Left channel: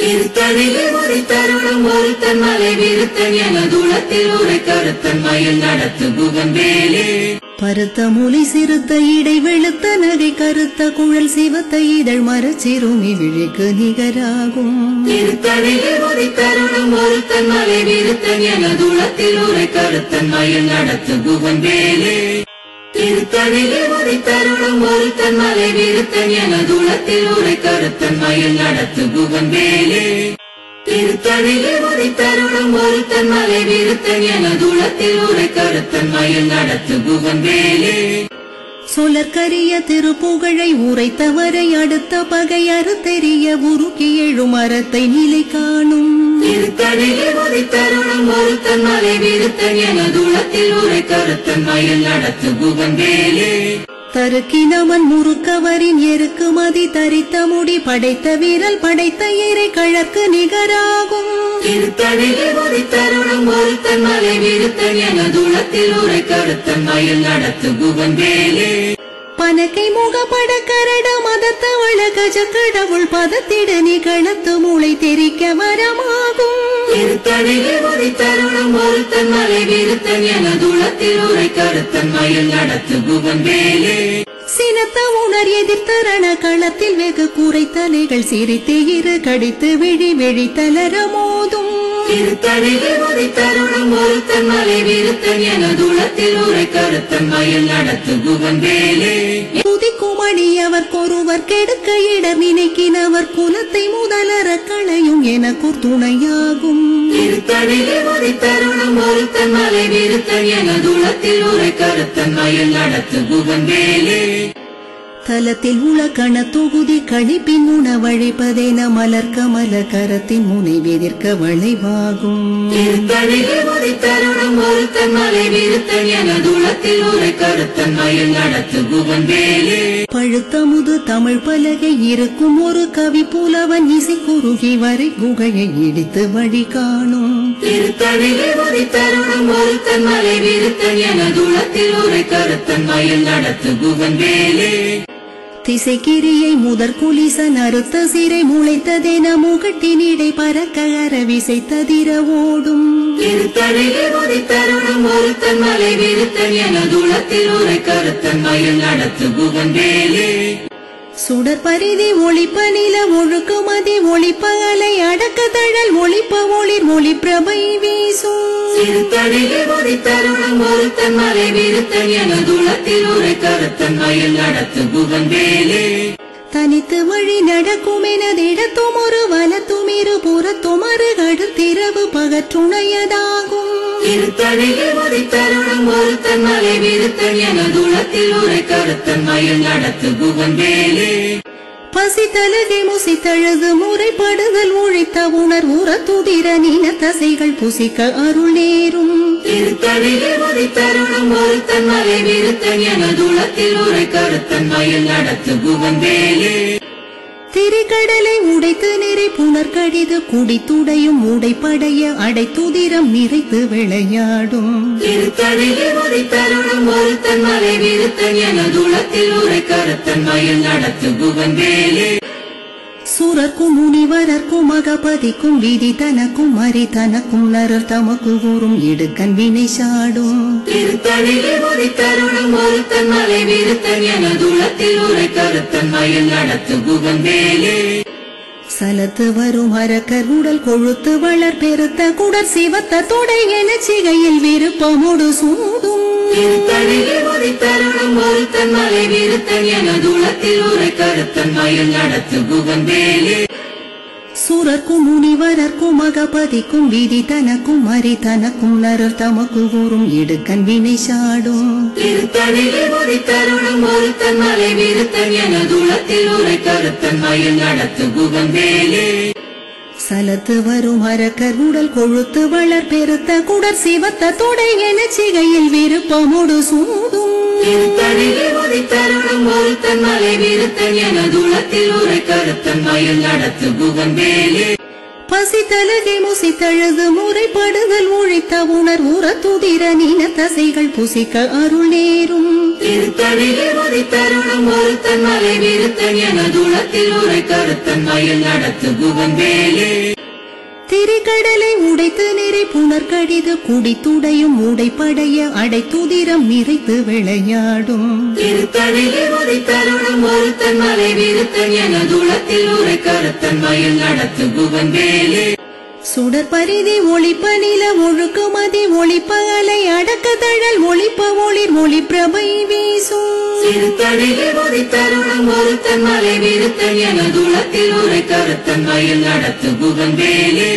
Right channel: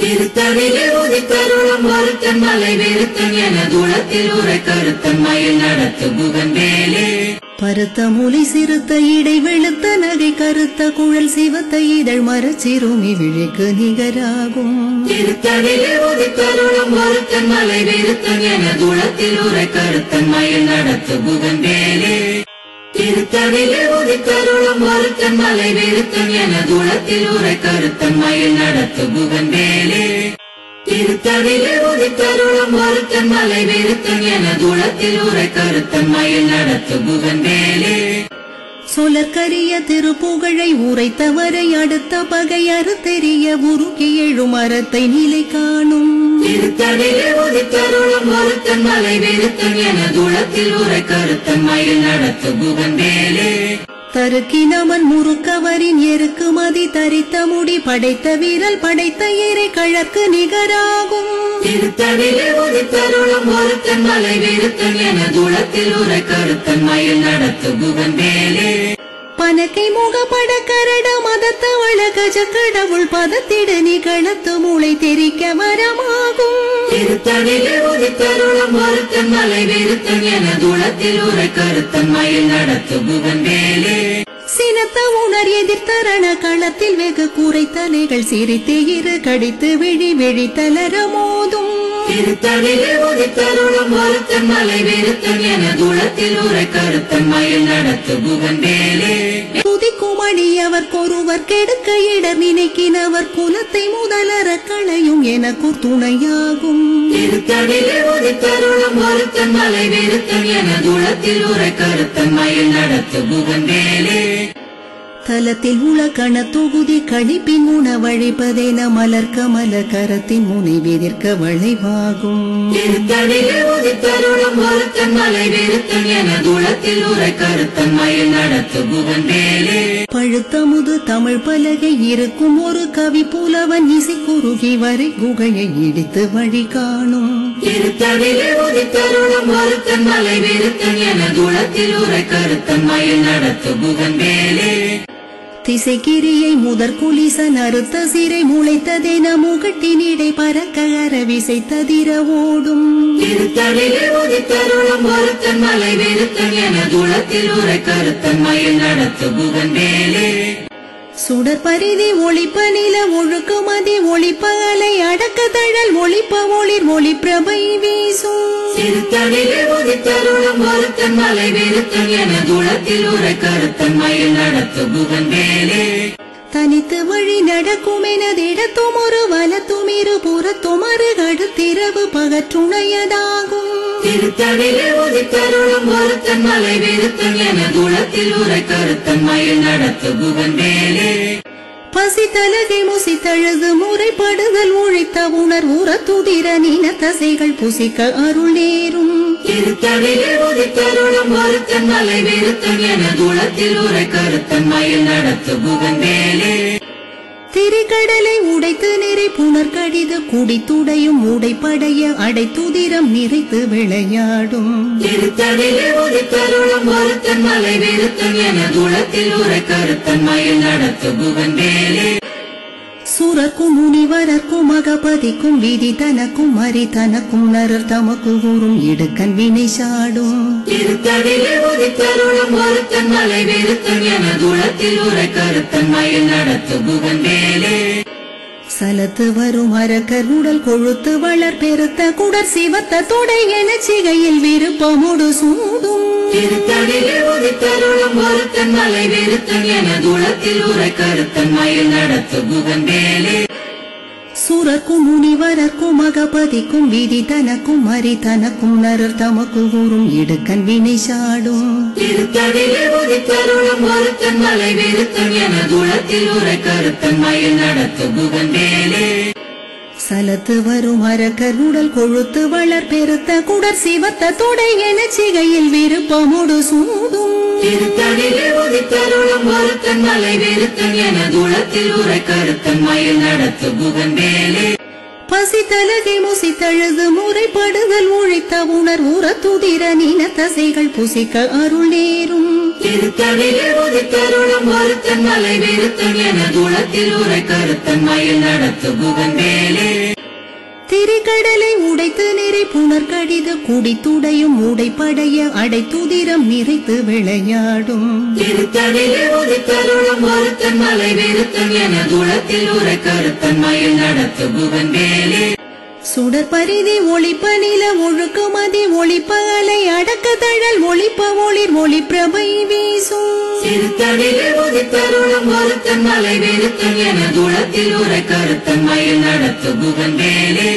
திருத்தணிலே உதித்தருளும் ஒருத்தன் மலை வெறுத்தன் எனதுளத்தில் உரை கருத்தன் மயில் நடத்து புகன்பேலே பருத்த மூலி சிறுத்த இடை வெளுத்த நகை கருத்த குழல் சிவத்த இதழ் மரச்சிறுமி விழிக்கு நிகராகும். திருத்தணிலே உதித்தருளும் ஒருத்தன் மலை வெறுத்தன் எனதுளத்தில் உரை கருத்தன் மயில் நடத்து புகன்பேலே திருத்தணிலே உதித்தருளும் ஒருத்தன் மலை வெறுத்தன் எனதுளத்தில் உரை கருத்தன் மயில் நடத்து புகன்பேலே திருத்தணிலே உதித்தருளும் ஒருத்தன் மலை வெறுத்தன் எனதுளத்தில் உரை கருத்தன் மயில் நடத்து புகன்பேலே சொலற்கரிய திருப்புகழை உரைத்தவரை அடுத்த பகை அறுத்தெறிய உருக்கி எழும் அறத்தை நிலை காணும். திருத்தணிலே உதித்தருளும் ஒருத்தன் மலை வெறுத்தன் எனதுளத்தில் உரை கருத்தன் மயில் நடத்து புகன்பேலே தருக்கினவன் முறுக்கவரின் எருக்கு மதி தரித்த முடி படைத்த வீரல் படைத்த இறை கழற்கு நிகராகும். திருத்தணிலே உதித்தருளும் ஒருத்தன் மலை வெறுத்தன் எனதுளத்தில் உரை கருத்தன் மயில் நடத்து புகன்பேலே பனக்கை முகப்பட கரட மதத்தவள கஜ கடவுள் பதத்திடு நிகழத்து மூளை தெரிக்க வரமாகும். திருத்தணிலே உதித்தருளும் ஒருத்தன் மலை வெறுத்தன் எனதுளத்தில் உரை கருத்தன் மயில் நடத்து புகன்பேலே சினத்த உணர் எதிர்த்தரண களத்தில் வெகு கூரை தலைகள் சிரித்து இரு கடித்து விழி விழி தளர மோதும். திருத்தணிலே உதித்தருளும் ஒருத்தன் மலை வெறுத்தன் எனதுளத்தில் உரை கருத்தன் மயில் நடத்து புகன்பேலே துதிக்கும் அடியவர் கொருவர் கெடுக்க இடர் நினைக்கினவர் குலத்தை முதலற களையும் எனக்கு துணையாகும். திருத்தணிலே உதித்தருளும் ஒருத்தன் மலை வெறுத்தன் எனதுளத்தில் உரை கருத்தன் மயில் நடத்து புகன்பேலே தலத்தில் உள கண தொகுதி கழிப்பின் உணவழிப்பதென மலர்க்க மலர் கரத்தின் முனை வெதிர்க்க வளைவாகும். திருத்தணிலே உதித்தருளும் ஒருத்தன் மலை வெறுத்தன் எனதுளத்தில் உரை கருத்தன் மயில் நடத்து புகன்பேலே பழுத்த முது தமிழ் பலகை இருக்கும் ஒரு கவி புலவன் இசை குறுகி வரை குகையை இடித்து வழி காணும். திருத்தணிலே உதித்தருளும் ஒருத்தன் மலை வெறுத்தன் எனதுளத்தில் உரை கருத்தன் மயில் நடத்து புகன்பேலே திசைக்கிரியை முதற் குலிசன் அறுத்த சிறை முளைத்ததென முகட்டினிடை பறக்க அரவிசை ததிர ஓடும். திருத்தணிலே உதித்தருளும் ஒருத்தன் மலை வெறுத்தன் எனதுளத்தில் உரை கருத்தன் மயில் நடத்து புகன்பேலே சுடர் பரிதி ஒளிப்ப நில ஒழுக்குமதி ஒளிப்ப அலை அடக்க தழல் ஒளிப்ப ஒளிர் ஒளி பிரபை வீசும். திருத்தணிலே உதித்தருளும் ஒருத்தன் மலை வெறுத்தன் எனதுளத்தில் உரை கருத்தன் மயில் நடத்து புகன்பேலே தனித்து வழி நடக்கும் எனதிடத்தும் ஒரு வலத்தும் இரு புறத்தும் அருகடுத்திரவு பகற்றுணையதாகும். திருத்தணிலே உதித்தருளும் ஒருத்தன் மலை வெறுத்தன் எனதுளத்தில் உரை கருத்தன் மயில் நடத்து புகன்பேலே பசி தலகை முசித்தழுது முறைப்படுதல் உழைத்த உணர் உற துதிர நீன தசைகள் புசிக்க அருள் நேரும். திருத்தணிலே உதித்தருளும் ஒருத்தன் மலை வெறுத்தன் எனதுளத்தில் உரை கருத்தன் மயில் நடத்து புகன்பேலே திரிகடலை உடைத்து நிறை புனர் கடிது குடித்துடையும் உடைப்படைய அடைத்துதிரம் நிறைத்து விளையாடும். திருத்தணிலே உதித்தருளும் ஒருத்தன் மலை வெறுத்தன் எனதுளத்தில் உரை கருத்தன் மயில் நடத்து புகன்பேலே சுரர்க்கும் முனிவரர்க்கும் மகபதிக்கும் விதி தனக்கும் மறி தனக்கும் நரர் தமக்கு கூறும் இடுக்கன் வினை சாடும். திருத்தணிலே உதித்தருளும் ஒருத்தன் மலை வெறுத்தன் எனதுளத்தில் உரை கருத்தன் மயில் நடத்து புகன்பேலே சலத்து வரும் அரக்கர் உடல் கொழுத்து வளர் பெருத்த குடர் சிவத்த தொடை என சிகையில் விருப்பமுடு சூடும். திருத்தணிலே உதித்தருளும் ஒருத்தன் மலை வெறுத்தன் எனதுளத்தில் உரை கருத்தன் மயில் நடத்து புகன்பேலே சுரர்க்கும் முனிவரர்க்கும் மகபதிக்கும் விதி தனக்கும் மறி தனக்கும் நரர் தமக்கு கூறும் இடுக்கன் வினை சாடும். திருத்தணிலே உதித்தருளும் ஒருத்தன் மலை வெறுத்தன் எனதுளத்தில் உரை கருத்தன் மயில் நடத்து புகன்பேலே சலத்து வரும் அரக்கர் உடல் கொழுத்து வளர் பெருத்த குடர் சிவத்த தொடை என சிகையில் விருப்பமுடு சூடும். திருத்தணிலே உதித்தருளும் ஒருத்தன் மலை வெறுத்தன் எனதுளத்தில் உரை கருத்தன் மயில் நடத்து புகன்பேலே பசித்தலகை முசித்தழுது முறைப்படுதல் உழைத்த உணர் உற துதிர நீன தசைகள் புசிக்க அருள் நேரும் திருத்தணிலே உதித்தருளும் ஒருத்தன் மலை விருத்தன் எனதுளத்தில் உரை கருத்தன் மயில் நடத்து குகன்பேலே திரிகடலை உடைத்து நிறை புனர் கடிது குடித்துடையும் உடைப்படைய அடைத்துதிரம் நிறைத்து விளையாடும் திருத்தணிலே உதித்தருளும் ஒருத்தன் மலை விருத்தன் எனதுளத்தில் உரை கருத்தன் மயில் நடத்து குகன்பேலே சுடர் பரிதி ஒளிப்ப நில ஒழுக்குமதி ஒளிப்ப அலை அடக்க தழல் ஒளிப்ப ஒளிர் ஒளி பிரபை வீசும் திருத்தணிலே உதித்தருளும் ஒருத்தன் மலை விருத்தன் எனதுளத்தில் உரை கருத்தன் மயில் நடத்து குகன்பேலே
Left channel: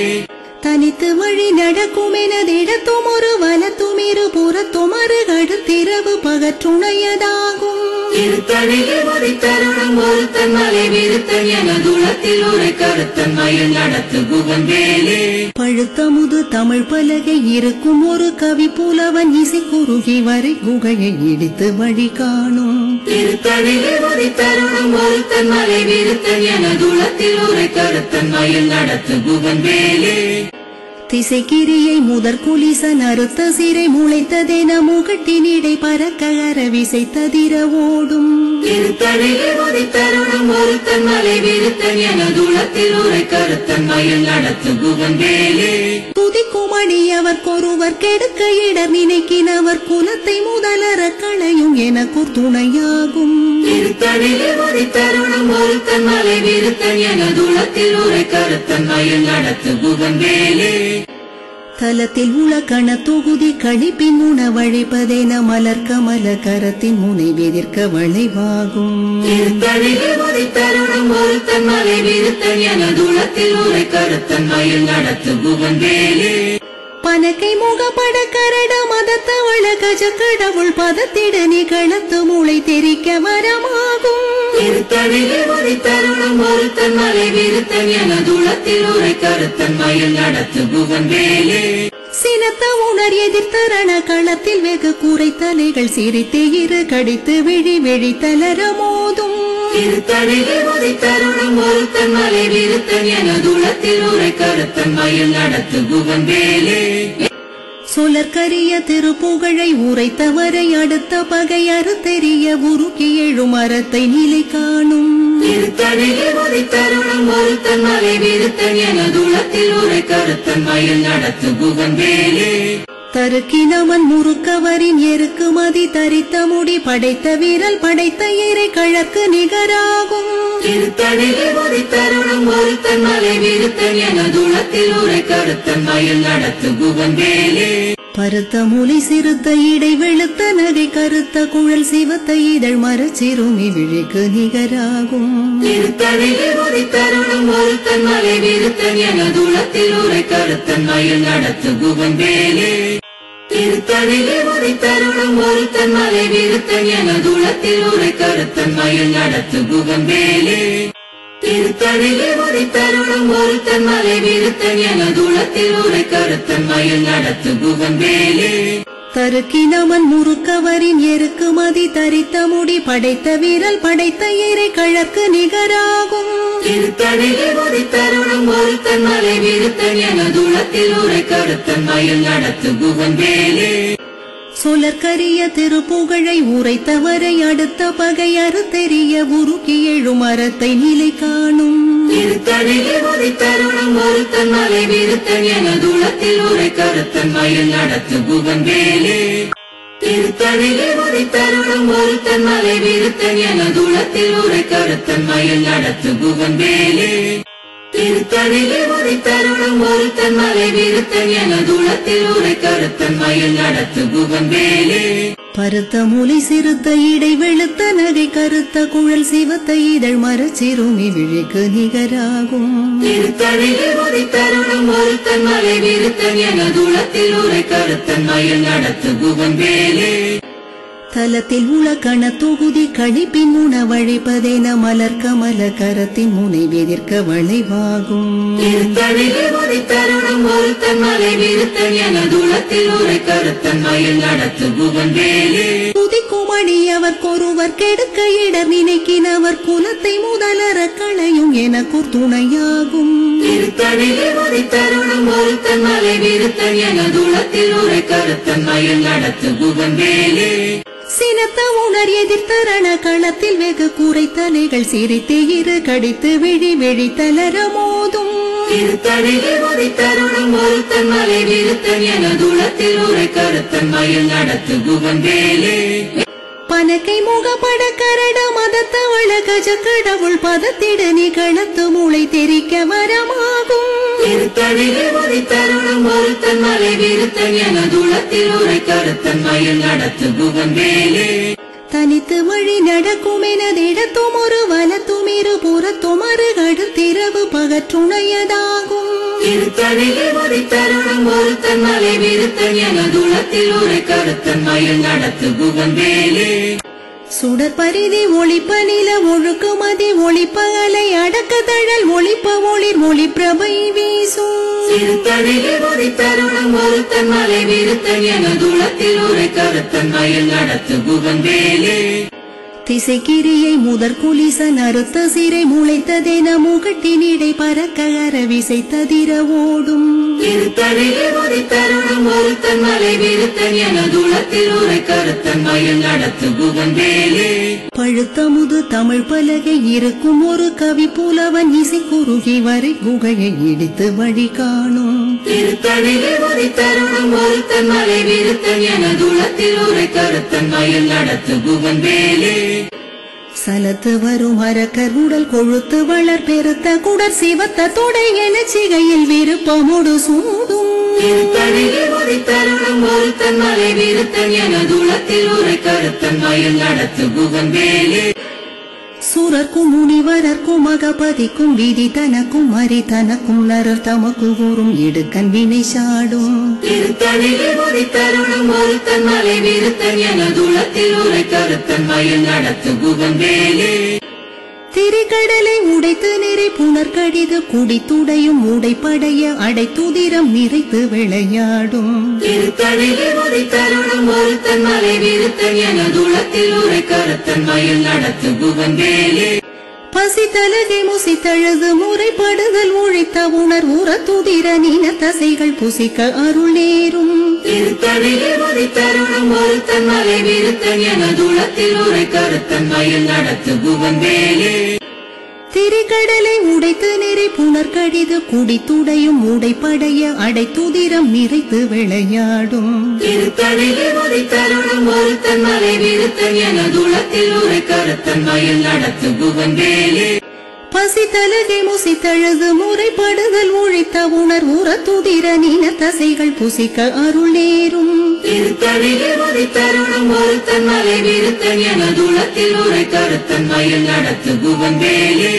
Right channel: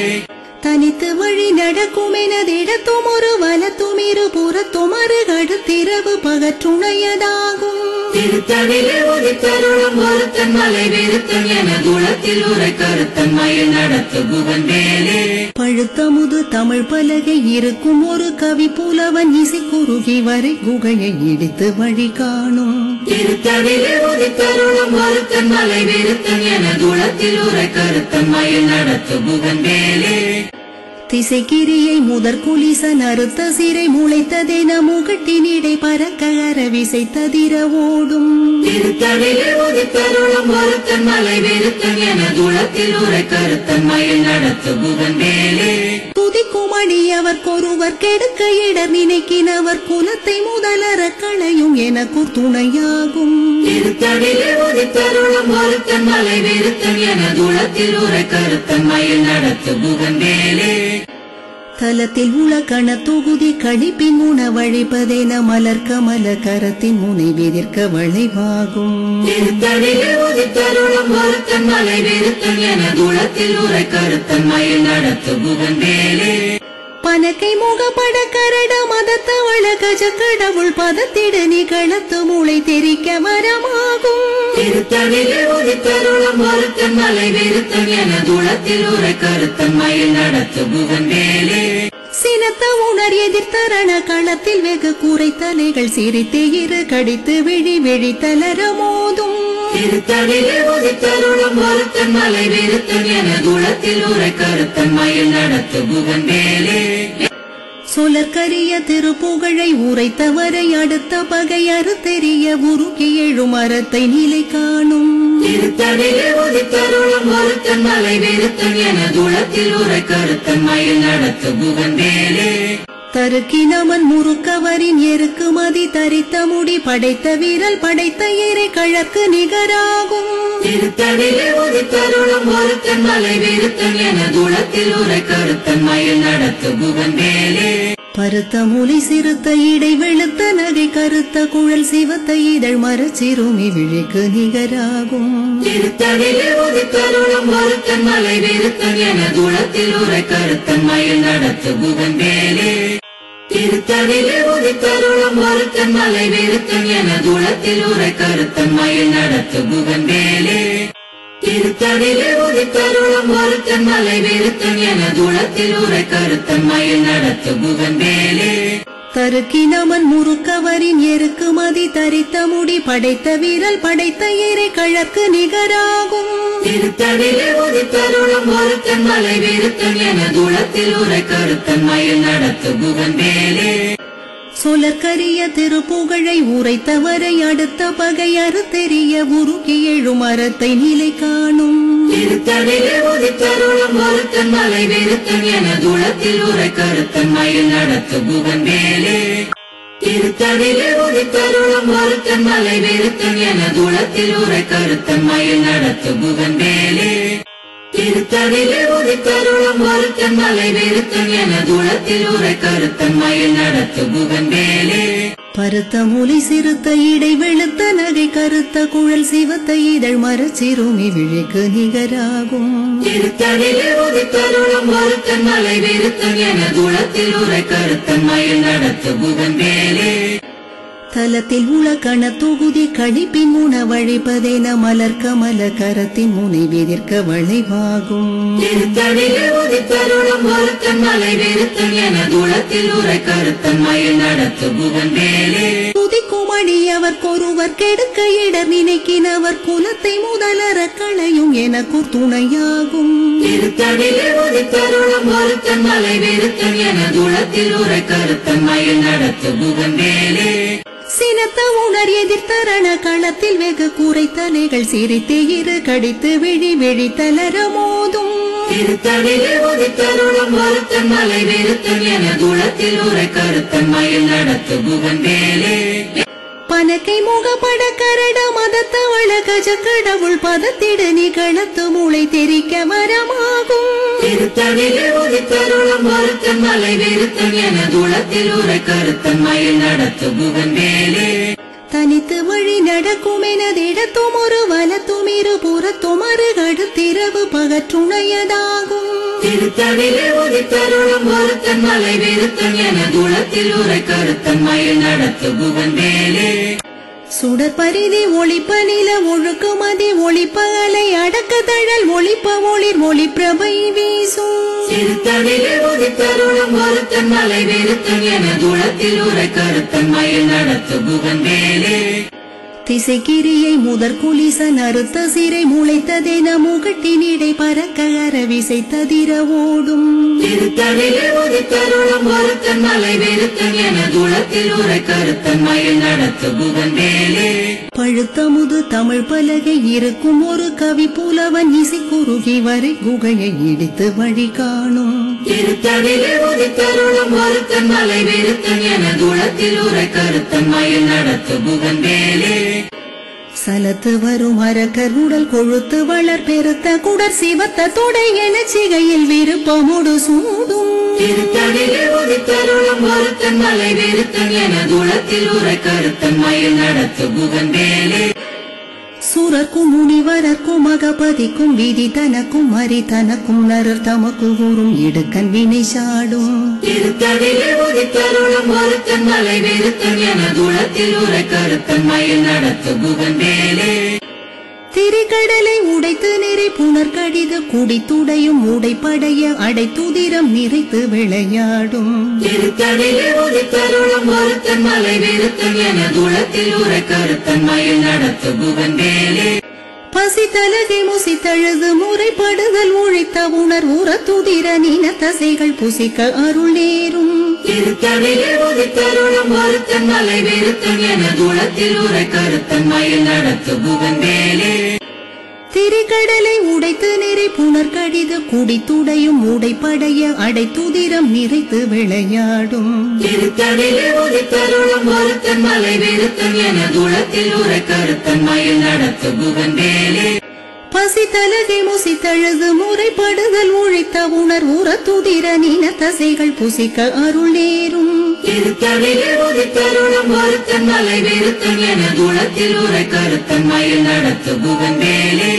தனித்து வழி நடக்கும் எனதிடத்தும் ஒரு வலத்தும் இரு புறத்தும் அருகடுத்திரவு பகற்றுணையதாகும் திருத்தணிலே உதித்தருளும் ஒருத்தன் மலை விருத்தன் எனதுளத்தில் உரை கருத்தன் மயில் நடத்து குகன்பேலே பழுத்தமுது தமிழ் பலகை இருக்கும் ஒரு கவி புலவன் இசை குறுகி வரை குகையை இடித்து வழி காணும் திருத்தணிலே உதித்தருளும் ஒருத்தன் மலை விருத்தன் எனதுளத்தில் உரை கருத்தன் மயில் நடத்து குகன்பேலே திசைக்கிரியை முதற் குலிசன் அறுத்த சிறை முளைத்ததென முகட்டினிடை பறக்க அரவிசை ததிர ஓடும் திருத்தணிலே உதித்தருளும் ஒருத்தன் மலை விருத்தன் எனதுளத்தில் உரை கருத்தன் மயில் நடத்து குகன்பேலே துதிக்கும் அடியவர்க்கொருவர் கெடுக்க இடர் நினைக்கினவர் குலத்தை முதலற களையும் எனக்குர் துணையாகும் திருத்தணிலே உதித்தருளும் ஒருத்தன் மலை விருத்தன் எனதுளத்தில் உரை கருத்தன் மயில் நடத்து குகன்பேலே தலத்தில் உள்ள கண தொகுதி கழிப்பின் உணவழிப்பதென மலர் கமல கரத்தின் முனை எதிர்க்க வளைவாகும் திருத்தணிலே உதித்தருளும் ஒருத்தன் மலை விருத்தன் எனதுளத்தில் உரை கருத்தன் மயில் நடத்து குகன்பேலே பனக்கை முகப்பட கரட மதத்தவள கஜ கடவுள் பதத்திட நிகழத்து மூளை தெரிக்க வரமாகும் திருத்தணிலே உதித்தருளும் ஒருத்தன் மலை விருத்தன் எனதுளத்தில் உரை கருத்தன் மயில் நடத்து குகன்பேலே சினத்த உணர் எதிர்த்தரண களத்தில் வெகு குறைத்தலைகள் சிரித்து இரு கடித்து விழி விழி தளர மோதும் திருத்தணிலே உதித்தருளும் ஒருத்தன் மலை விருத்தன் எனதுளத்தில் உரை கருத்தன் மயில் நடத்து குகன்பேலே சொலற்கரிய திருப்புகழை உரைத்தவரை அடுத்த பகை அறுத்தெறிய உருக்கி எழும் அறத்தை நிலை காணும் திருத்தணிலே உதித்தருளும் ஒருத்தன் மலை விருத்தன் எனதுளத்தில் உரை கருத்தன் மயில் நடத்து குகன்பேலே தருக்கினமன் முறுக்கவரின் எருக்கு மதி தரித்த முடி படைத்த வீரல் படைத்த இறை கழற்கு நிகராகும் திருத்தணிலே உதித்தருளும் ஒருத்தன் மலை விருத்தன் எனதுளத்தில் உரை கருத்தன் மயில் நடத்து குகன்பேலே பருத்த மூலை சிறுத்த இடை வெளுத்த நகை கருத்த குழல் சிவத்த இதழ் மரச்சிறுமி விழிக்கு நிகராகும் திருத்தணிலே உதித்தருளும் ஒருத்தன் மலை விருத்தன் எனதுளத்தில் உரை கருத்தன் மயில் நடத்து குகன்பேலே திருத்தணிலே உதித்தருளும் ஒருத்தன் மலை விருத்தன் எனதுளத்தில் உரை கருத்தன் மயில் நடத்து குகன்பேலே திருத்தணிலே உதித்தருளும் ஒருத்தன் மலை விருத்தன் எனதுளத்தில் உரை கருத்தன் மயில் நடத்து குகன்பேலே தருக்கினமன் முறுக்கவரின் எருக்கு மதி தரித்த முடி படைத்த வீரல் படைத்த இறை கழற்கு நிகராகும் திருத்தணிலே உதித்தருளும் ஒருத்தன் மலை விருத்தன் எனதுளத்தில் உரை கருத்தன் மயில் நடத்து குகன்பேலே சொலற்கரிய திருப்புகழை உரைத்தவரை அடுத்த பகை அறுத்தெறிய உருக்கி எழும் அறத்தை நிலை காணும் திருத்தணிலே உதித்தருளும் ஒருத்தன் மலை விருத்தன் எனதுளத்தில் உரை கருத்தன் மயில் நடத்து குகன்பேலே திருத்தணிலே உதித்தருளும் ஒருத்தன் மலை விருத்தன் எனதுளத்தில் உரை கருத்தன் மயில் நடத்து குகன்பேலே திருத்தணிலே உதித்தருளும் ஒருத்தன் மலை விருத்தன் எனதுளத்தில் உரை கருத்தன் மயில் நடத்து குகன்பேலே பருத்த மூலை சிறுத்த இடை வெளுத்த நகை கருத்த குழல் சிவத்த இதழ் மரச்சிறுமி விழிக்கு நிகராகும் திருத்தணிலே உதித்தருளும் ஒருத்தன் மலை விருத்தன் எனதுளத்தில் உரை கருத்தன் மயில் நடத்து குகன்பேலே தலத்தில் உலகண தொகுதி கழிப்பின் உணவழிப்பதென மலர் கமல கரத்தின் முனை வெதிர்க்க வளைவாகும். திருத்தணியில் உதித்தருளும் ஒருத்தன் மலை வெறுத்தன் எனதுளத்தில் உரை கருத்தன்மையில் நடத்து புகன் வேலே. துதிக்கும் அடியவர்க்கொருவர் கெடுக்க இடர் நினைக்கினவர் குலத்தை முதலற களையும் எனக்கூர் துணையாகும். திருத்தணியில் உதித்தருளும் ஒருத்தன் மலை வெறுத்தன் எனதுளத்தில் உரை கருத்தன்மையில் நடத்து புகன் வேலே. சினத்த உணர் எதிர்த்தரண களத்தில் வெகு கூரை தலைகள் சிரித்து இரு கடித்து விழி விழித்தலர மோதும். திருத்தணியில் உதித்தருளும் ஒருத்தன் மலை வெறுத்தன் எனதுளத்தில் உரை கருத்தன்மையில் நடத்து புகன் வேலே. பனக்கை முகப்பட கரட மதத்தவள கஜ கடவுள் பதத்திட நிகழத்து மூளை தெரிக்க வரமாகும். திருத்தணியில் உதித்தருளும் ஒருத்தன் மலை வெறுத்தன் எனதுளத்தில் உரை கருத்தன்மையில் நடத்து புகன் வேலே. தனித்து வழி நடக்கும் எனதிடத்தும் ஒரு வலத்தும் இரு புறத்தும் அருகடுத்திரவு பகற்றுணையதாகும். திருத்தணியில் உதித்தருளும் ஒருத்தன் மலை வெறுத்தன் எனதுளத்தில் உரை கருத்தன்மையில் நடத்து புகன் வேலே. சுடர் பரிதி ஒளிப்ப நில ஒழுக்கு மதி ஒளிப்ப அலை அடக்க தழல் ஒளிப்ப ஒளிர் ஒளி பிரபை வீசும். திருத்தணியில் உதித்தருளும் ஒருத்தன் மலை வெறுத்தன் எனதுளத்தில் உரை கருத்தன்மையில் நடத்து புகன் வேலே. திசைக்கிரியை முதற் குலிசன் அறுத்த சிறை முளைத்ததென முகட்டினிடை பறக்க அரவிசை ததிர ஓடும். திருத்தணியில் உதித்தருளும் ஒருத்தன் மலை வெறுத்தன் எனதுளத்தில் உரை கருத்தன்மையில் நடத்து புகன் வேலே. பழுத்தமுது தமிழ் பலகை இருக்கும் ஒரு கவி புலவன் இசை குறுகி வரை குகையை இடித்து வழி காணும். திருத்தணியில் உதித்தருளும் ஒருத்தன் மலை வெறுத்தன் எனதுளத்தில் உரை கருத்தன்மையில் நடத்து புகன் வேலே. சலத்து வரும் அரக்கர் உடல் கொழுத்து வளர் பெருத்த குடர் சிவத்த தொடை என சிகையில் விருப்பமுடு சூடும். திருத்தணியில் உதித்தருளும் ஒருத்தன் மலை வெறுத்தன் எனதுளத்தில் உரை கருத்தன்மையில் நடத்து புகன் வேலே. சூரர்க்கும் முனிவரர்க்கும் மகபதிக்கும் விதி தனக்கும் மறி தனக்கும் நரர் தமக்கு கூறும் இடுக்கன் வினை சாடும். திருத்தணியில் உதித்தருளும் ஒருத்தன் மலை வெறுத்தன் எனதுளத்தில் உரை கருத்தன்மையில் நடத்து புகன் வேலே. திரிகடலை உடைத்து நிறை புனர் கடிது குடித்துடையும் உடைப்படைய அடைத்துதிரம் நிறைத்து விளையாடும். திருத்தணியில் உதித்தருளும் ஒருத்தன் மலை வெறுத்தன் எனதுளத்தில் உரை கருத்தன்மையில் நடத்து புகன் வேலே. பசி தலகை முசித்தழுது முறைப்படுதல் உழைத்த உணர் உற துதிர நீன தசைகள் புசிக்க அருள் நேரும். திருத்தணியில் உதித்தருளும் ஒருத்தன் மலை வெறுத்தன் எனதுளத்தில் உரை கருத்தன்மையில் நடத்து புகன் வேலே. திரிகடலை உடைத்து நிறை புனர் கடிது குடித்துடையும் உடைப்படைய அடைத்துதிரம் நிறைத்து விளையாடும். திருத்தணியில் உதித்தருளும் ஒருத்தன் மலை வெறுத்தன் எனதுளத்தில் உரை கருத்தன்மையில் நடத்து புகன் வேலே. பசி தலகை முசித்தழுது முறைப்படுதல் உழைத்த உணர் உற துதிர நீன தசைகள் புசிக்க அருள் நேரும். திருத்தணியில் உதித்தருளும் ஒருத்தன் மலை வெறுத்தன் எனதுளத்தில் உரை கருத்தன்மையில் நடத்து புகன் வேலே.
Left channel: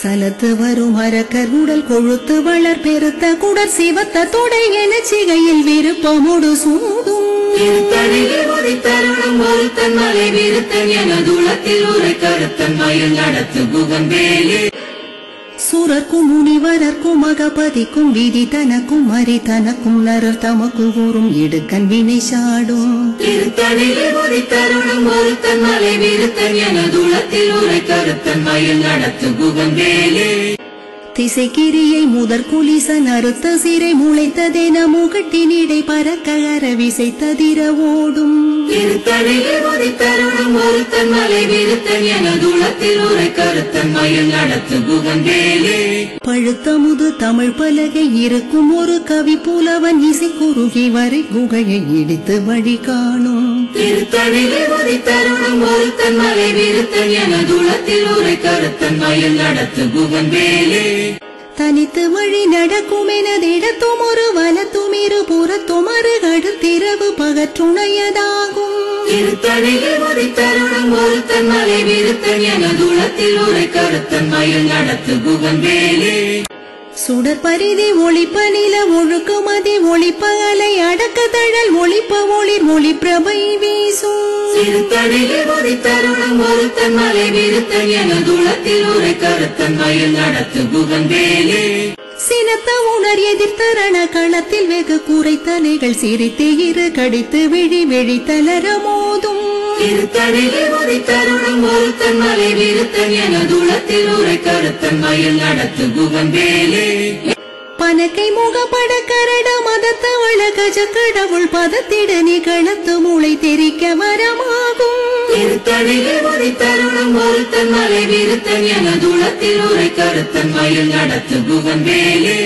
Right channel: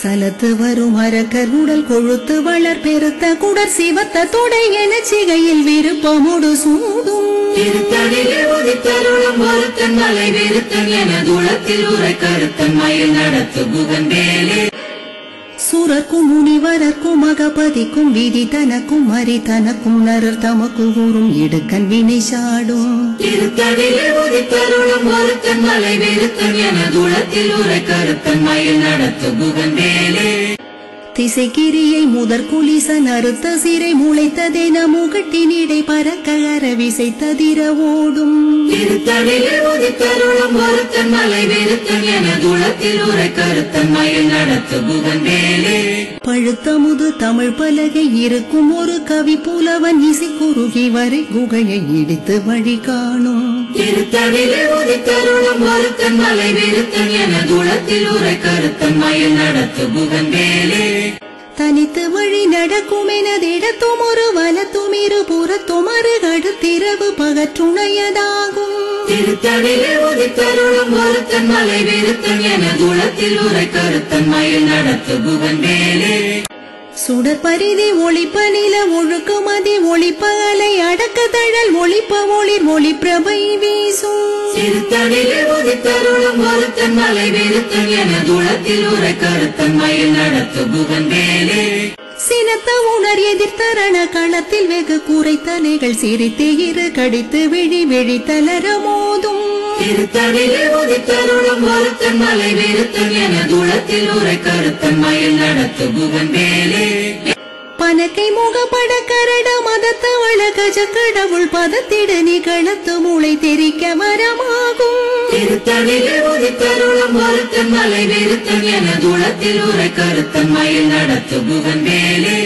சலத்து வரும் அரக்கர் உடல் கொழுத்து வளர் பெருத்த குடர் சிவத்த தொடை என சிகையில் விருப்பமுடு சூடும். திருத்தணியில் உதித்தருளும் ஒருத்தன் மலை வெறுத்தன் எனதுளத்தில் உரை கருத்தன்மையில் நடத்து புகன் வேலே. சூரர்க்கும் முனிவரர்க்கும் மகபதிக்கும் விதி தனக்கும் மறி தனக்கும் நரர் தமக்கு கூறும் இடுக்கன் வினை சாடும். திருத்தணியில் உதித்தருளும் ஒருத்தன் மலை வெறுத்தன் எனதுளத்தில் உரை கருத்தன்மையில் நடத்து புகன் வேலே. திசைக்கிரியை முதற் குலிசன் அறுத்த சிறை முளைத்ததென முகட்டினிடை பறக்க அரவிசை ததிர ஓடும். திருத்தணியில் உதித்தருளும் ஒருத்தன் மலை வெறுத்தன் எனதுளத்தில் உரை கருத்தன்மையில் நடத்து புகன் வேலே. பழுத்தமுது தமிழ் பலகை இருக்கும் ஒரு கவி புலவன் இசை குறுகி வரை குகையை இடித்து வழி காணும். திருத்தணியில் உதித்தருளும் ஒருத்தன் மலை வெறுத்தன் எனதுளத்தில் உரை கருத்தன்மையில் நடத்து புகன் வேலே. தனித்து வழி நடக்கும் எனதிடத்தும் ஒரு வலத்தும் இரு புறத்தும் அருகடுத்திரவு பகற்றுணையதாகும். திருத்தணியில் உதித்தருளும் ஒருத்தன் மலை வெறுத்தன் எனதுளத்தில் உரை கருத்தன்மையில் நடத்து புகன் வேலே. சுடர் பரிதி ஒளிப்ப நில ஒழுக்குமதி ஒளிப்ப அலை அடக்க தழல் ஒளிப்ப ஒளிர் ஒளி பிரபை வீசும் சிறுத்தனிலே உதித்தருளும் ஒருத்தன் மலை வெறுத்தன் எனதுளத்தில் உரை கருத்தன் மயில் நடத்து புகந்தேலே சினத்த உணர் எதிர்த்தரண களத்தில் வெகு கூரை தலைகள் சிரித்து இரு கடித்து விழி விழி தளர மோதும் திருத்தனிலே உதித்தருளும் ஒருத்தன் மலை வெறுத்தன் எனதுளத்தில் உரை கருத்தன் மயில் நடத்து புகந்தேலே பனக்கை முகப்பட கரட மதத்தவள கஜ கடவுள் பதத்திட நிகழத்து மூளை தெரிக்க வரமாகும் திருத்தனிலே உதித்தருளும் ஒருத்தன் மலை வெறுத்தன் எனதுளத்தில் உரை கருத்தன் மயில் நடத்து புகந்தேலே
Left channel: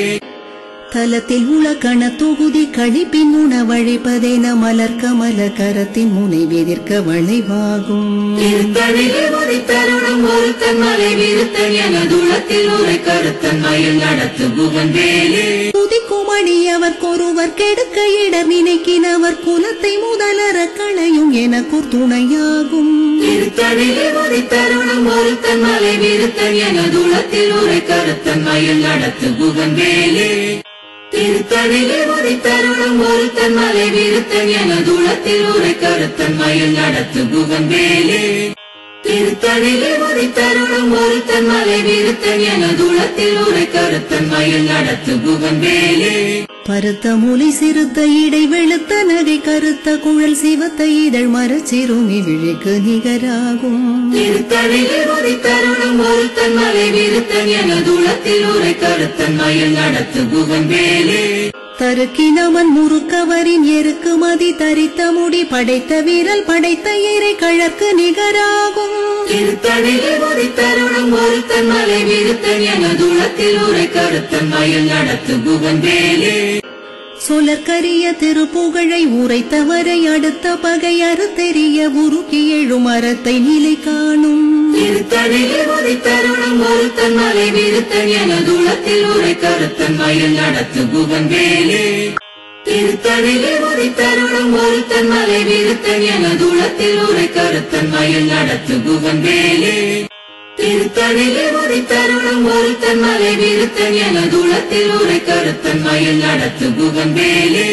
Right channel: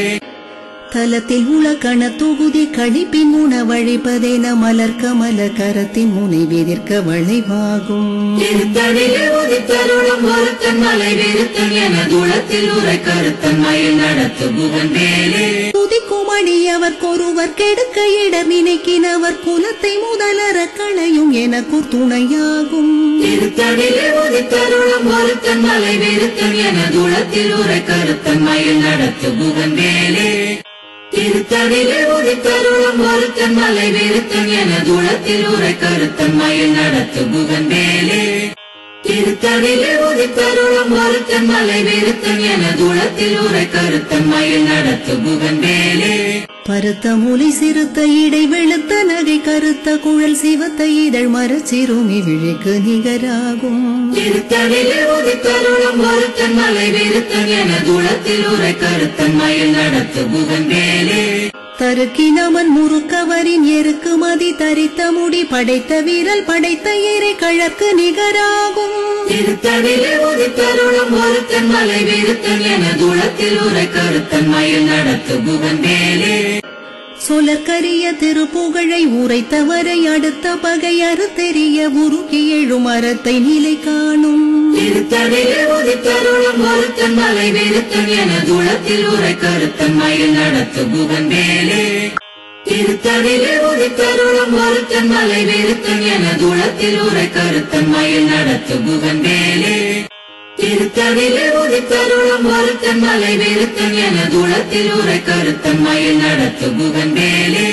தலத்தில் உலக்கண தொகுதி கழிப்பின் உணவழிப்பதென மலர் கமல கரத்தின் முனை வெதிர்க்க வளைவாகும் திருத்தனிலே உதித்தருளும் ஒருத்தன் மலை வெறுத்தன் எனதுளத்தில் உரை கருத்தன் மயில் நடத்து புகந்தேலே துதிக்குமணி அவர்க்கொருவர் கெடுக்க இடர் நினைக்கினவர் குலத்தை முதலற களையும் எனக்கூர் துணையாகும் திருத்தனிலே உதித்தருளும் ஒருத்தன் மலை வெறுத்தன் எனதுளத்தில் உரை கருத்தன் மயில் நடத்து புகந்தேலே திருத்தனிலே உதித்தருளும் ஒருத்தன் மலை வெறுத்தன் எனதுளத்தில் உரை கருத்தன் மயில் நடத்து புகந்தேலே திருத்தனிலே உதித்தருளும் ஒருத்தன் மலை வெறுத்தன் எனதுளத்தில் உரை கருத்தன் மயில் நடத்து புகந்தேலே பருத்த மூலை சிறுத்த இடை வெளுத்த நகை கருத்த குழல் சிவத்த இதழ் மரச்சிறுமி விழிக்கு நிகராகும் திருத்தனிலே உதித்தருளும் ஒருத்தன் மலை வெறுத்தன் எனதுளத்தில் உரை கருத்தன் மயில் நடத்து புகந்தேலே தருக்கினமன் முறுக்கவரின் எருக்கு மதி தரித்த முடி படைத்த வீரல் படைத்த இறை கழற்கு நிகராகும் திருத்தனிலே உதித்தருளும் ஒருத்தன் மலை வெறுத்தன் எனதுளத்தில் உரை கருத்தன் மயில் நடத்து புகந்தேலே சொலற்கரிய திருப்புகழை உரைத்தவரை அடுத்த பகை அறுத்தெறிய உருக்கி எழும் அறத்தை நிலை காணும் திருத்தனிலே உதித்தருளும் ஒருத்தன் மலை வெறுத்தன் எனதுளத்தில் உரை கருத்தன் மயில் நடத்து புகந்தேலே திருத்தனிலே உதித்தருளும் ஒருத்தன் மலை வெறுத்தன் எனதுளத்தில் உரை கருத்தன் மயில் நடத்து புகந்தேலே திருத்தனிலே உதித்தருளும் ஒருத்தன் மலை வெறுத்தன் எனதுளத்தில் உரை கருத்தன் மயில் நடத்து புகந்தேலே